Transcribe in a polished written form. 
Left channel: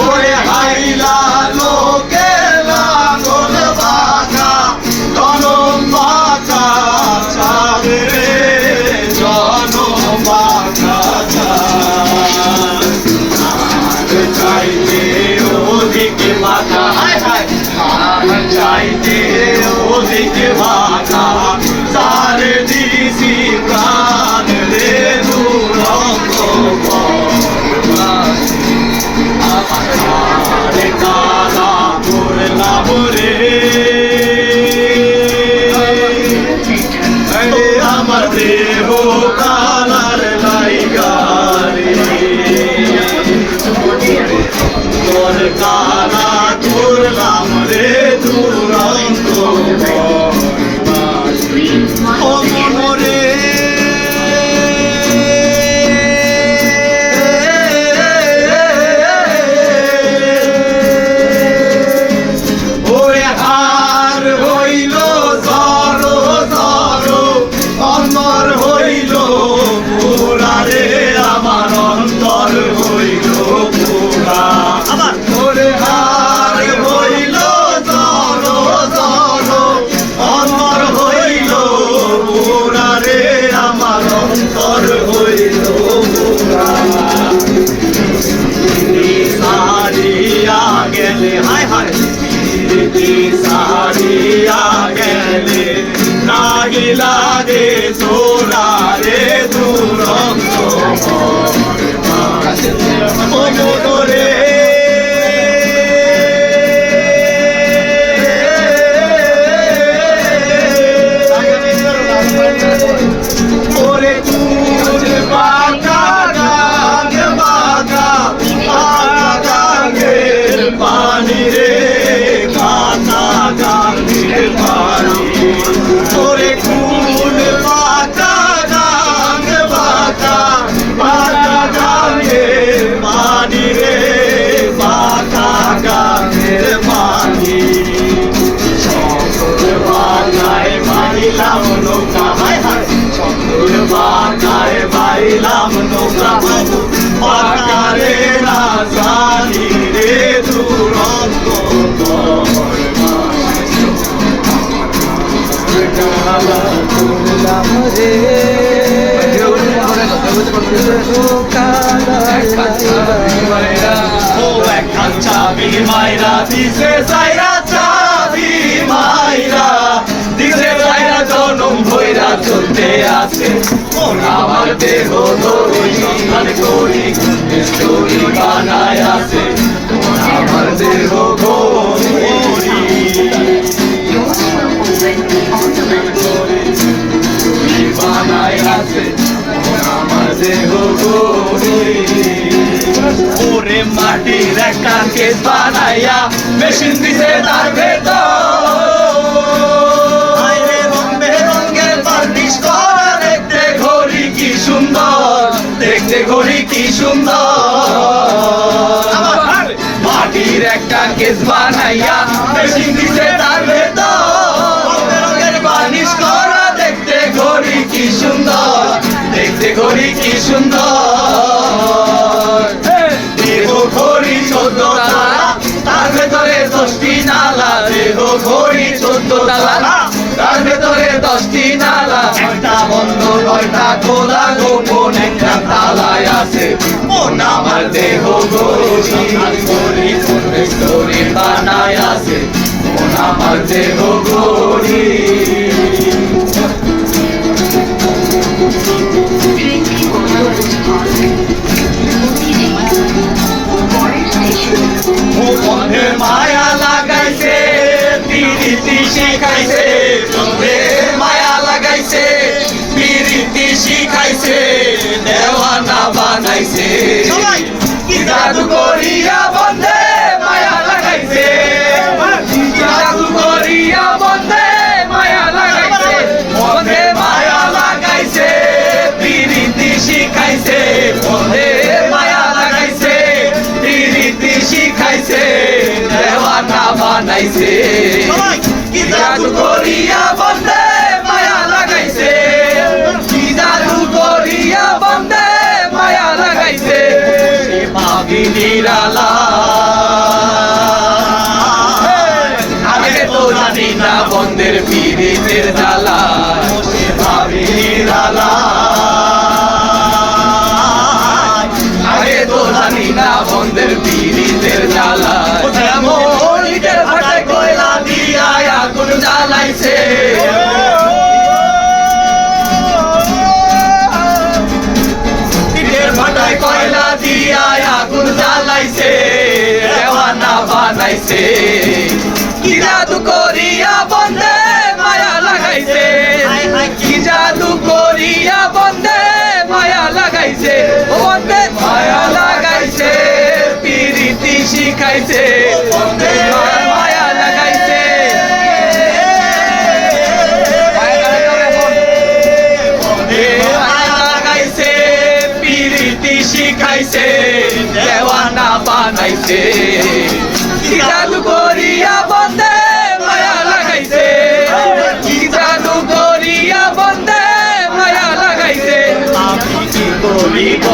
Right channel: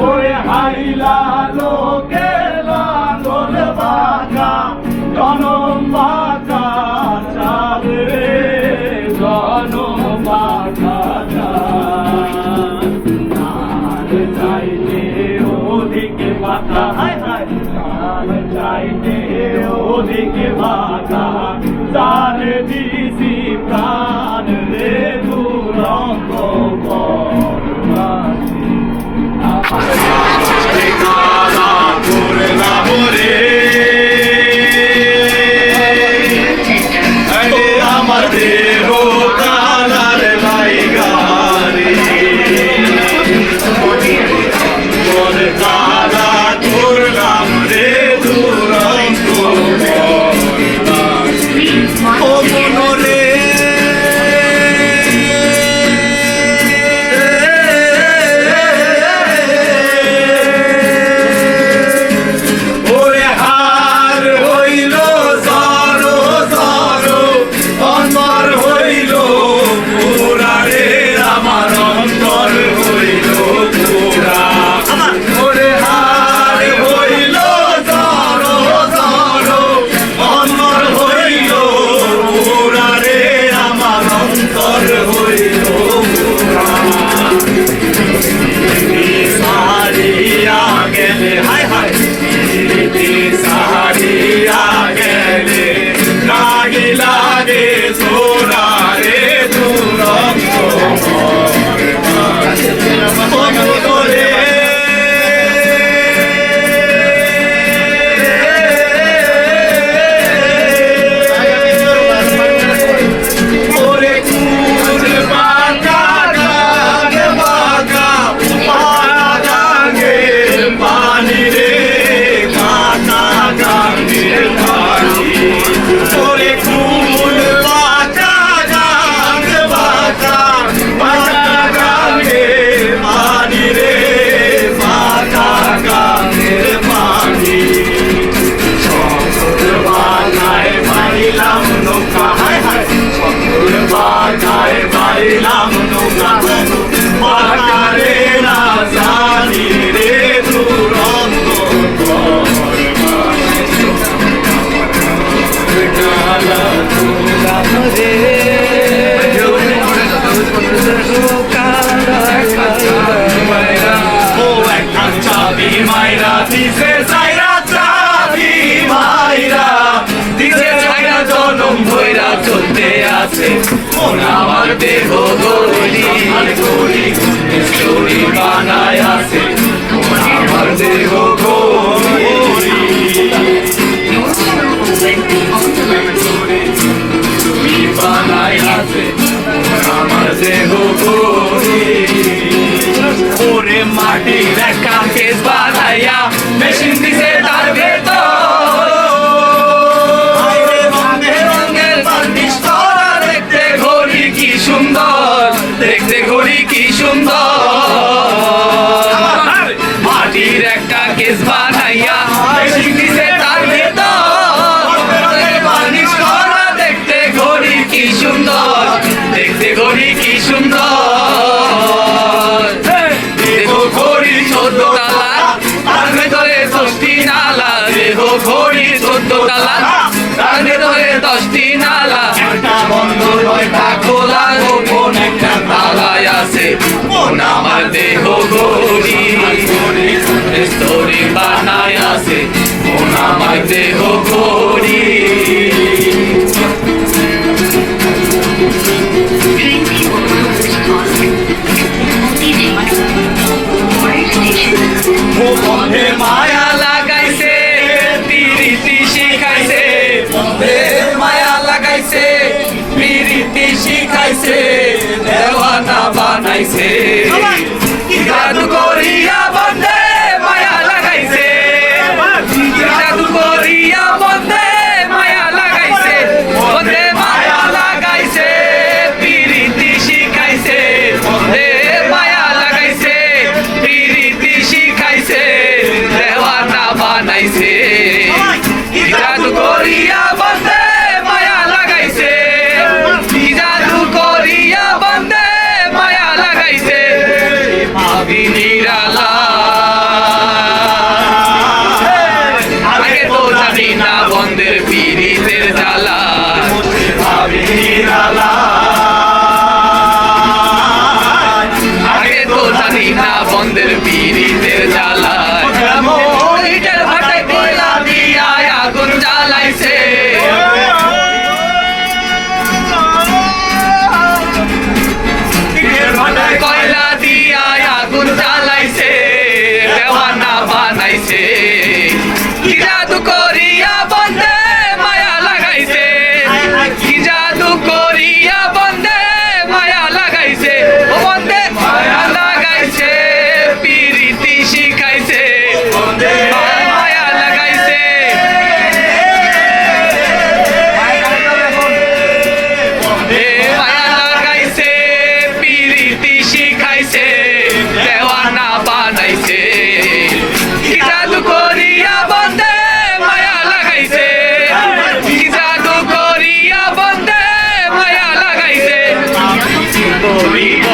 ওরে হাইলা লোকে লাঙ্গল বাঁকা জনম বাঁকা চাঁদ রে জনম বাঁকা চাঁদ চাইতে অধিক বাঁকা হায় হায় চাঁদ চাইতে অধিক বাঁকা চার দিশি প্রাণ রে দুরঙ্গ কালা করলাম রে আমার দেহ কালার লাইগা রে তোর কালা করলাম রে দুরন্ত ও মনরে লাগে সোরা রে দুরন্ত রে ওরে কুল বাঁকা গান বাঁকা পানা গাঙ্গে পানি রে কাটা গাঙ্গে পানি ওরে কুল বাঁকা গান বাঁকা পানা গাঙ্গে পানি রে বাঁকা গাঙ্গের পানি সকল বাগায় বাইলাম নৌকা হায় হায় সকল বাগায় বাইলাম নৌকা বাগারে না জানি রে দুরন্ত চাবি মাইরা দিছে যাইরা চাবি মাইরা দিছে যাইরা জনম ভৈরা চলতে আছে আমার দেহ গড়ি গড়ি স্টোরি বানায় আছে আমার দেহ গড়ি বানায় আছে আমার দেহ গড়ি ওরে মাটির একটা কেস বানাইয়া মেশিন দিছে তার ভেতর রঙের বার্নিশ করা দেখতে ঘড়ি কি সুন্দর দেখতে ঘড়ি কি সুন্দর মাটির একটা কেস বানাইয়া মেশিন দিছে তার ভেতর রঙের বার্নিশ করা দেখতে ঘড়ি কি সুন্দর দেখতে ঘড়ি কি সুন্দর দেহ ঘড়ি 14 তালা তার ভেতরে 10টি নালা দেহ ঘড়ি 14 তালা তার ভেতরে 10টি নালা একটা বন্ধ 9টা খোলা গোপন একটা তালায় আছে মন আমার দেহ ঘড়ি স্টোরি বানায় আছে মন আমার দেহ ঘড়ি ও বন্ধে মায়া লাগাইছে পিরিতি শিখাইছে মায়া লাগাইছে পিরিতি শিখাইছে দেওয়ানা বানাইছে জাদু করিয়া বন্ধে মায়া লাগাইছে জাদু করিয়া বন্ধে মায়া লাগাইছে বন্ধে মায়া লাগাইছে পিরিতি শিখাইছে বন্ধে মায়া লাগাইছে পিরিতি শিখাইছে দেওয়ানা বানাইছে জাদু করিয়া বন্ধে মায়া লাগাইছে জাদু করিয়া বন্ধে মায়া লাগাইছে ভাবি নিরালা লাগাইছে কি জাদু করিয়া বন্দে মায়া লাগাইছে কি জাদু করিয়া বন্দে মায়া লাগাইছে ও বন্দে মায়া লাগাইছে পিরিতি শিখাইছে বন্দে মায়া লাগাইছে মায়া লাগাইছে পিরিতি শিখাইছে দেওয়ানা বানাইছে কি জাদু করিয়া বন্দে মায়া লাগাইছে কি জাদু করিয়া বন্দে মায়া লাগাইছে বলিব